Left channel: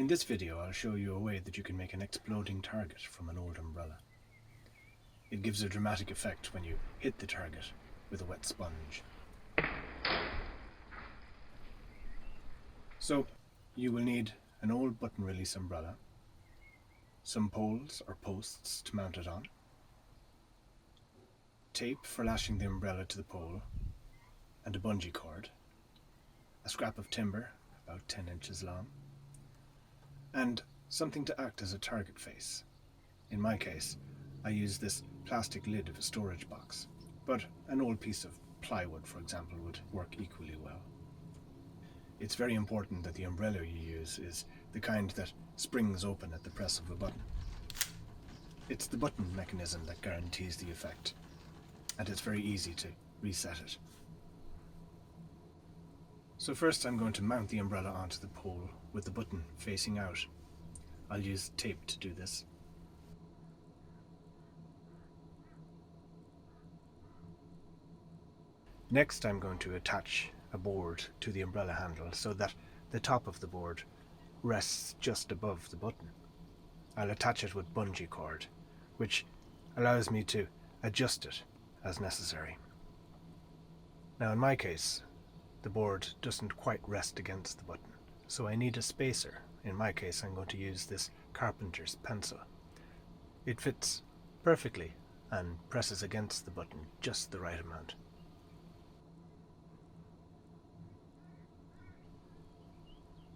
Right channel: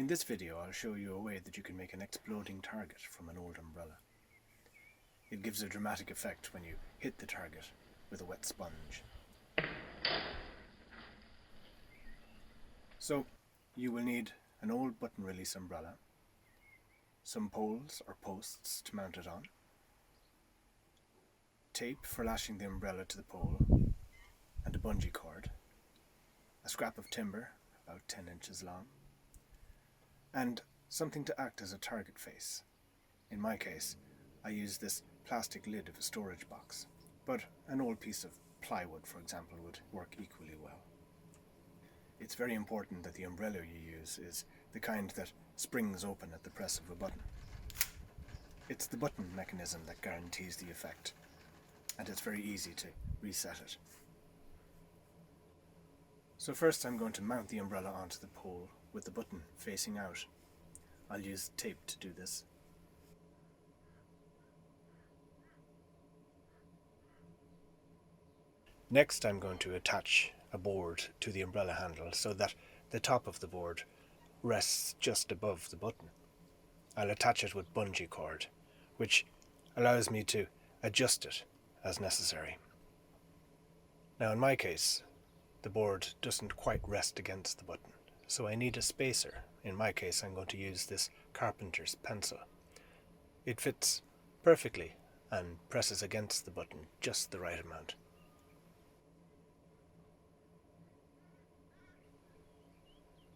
In this video, I'll show you a way that you can make an exploding target from an old umbrella. It gives a dramatic effect when you hit the target with a wet sponge. So, you will need an old button release umbrella, some poles or posts to mount it on, tape for lashing the umbrella to the pole, and a bungee cord, a scrap of timber about 10 inches long, and something to act as a target face. In my case, I use this plastic lid of a storage box, but an old piece of plywood, for example, would work equally well. It's very important that the umbrella you use is the kind that springs open at the press of a button. It's the button mechanism that guarantees the effect, and it's very easy to reset it. So first I'm going to mount the umbrella onto the pole with the button facing out. I'll use tape to do this. Next I'm going to attach a board to the umbrella handle so that the top of the board rests just above the button. I'll attach it with bungee cord, which allows me to adjust it as necessary. Now in my case, the board doesn't quite rest against the button, so I need a spacer. In my case, I'm going to use this carpenter's pencil. It fits perfectly and presses against the button just the right amount.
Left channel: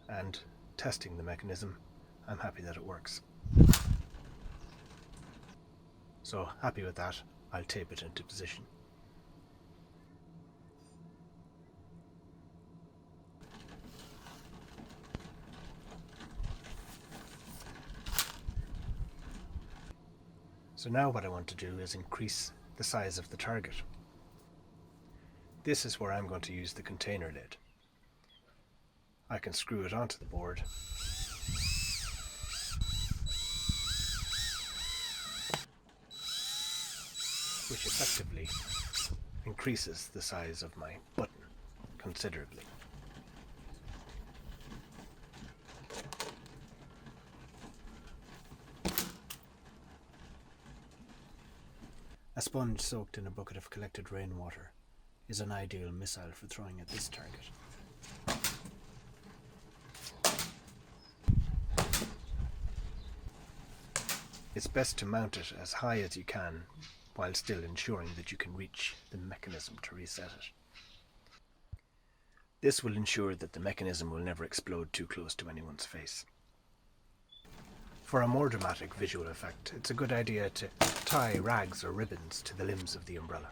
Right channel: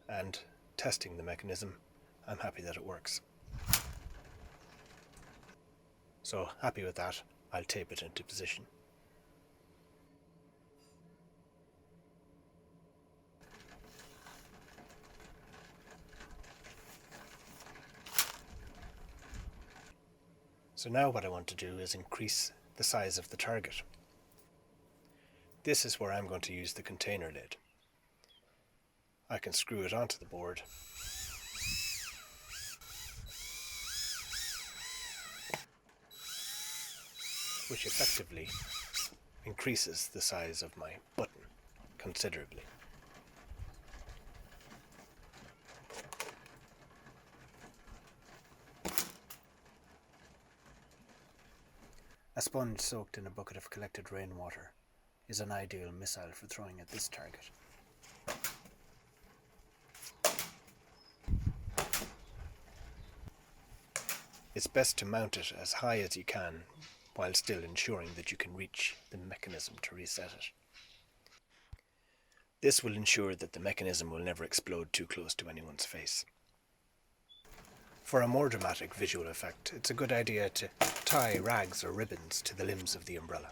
And testing the mechanism, I'm happy that it works. So happy with that, I'll tape it into position. So now what I want to do is increase the size of the target. This is where I'm going to use the container lid. I can screw it onto the board which effectively increases the size of my button considerably. A sponge soaked in a bucket of collected rainwater is an ideal missile for throwing at this target. It's best to mount it as high as you can while still ensuring that you can reach the mechanism to reset it. This will ensure that the mechanism will never explode too close to anyone's face. For a more dramatic visual effect, it's a good idea to tie rags or ribbons to the limbs of the umbrella.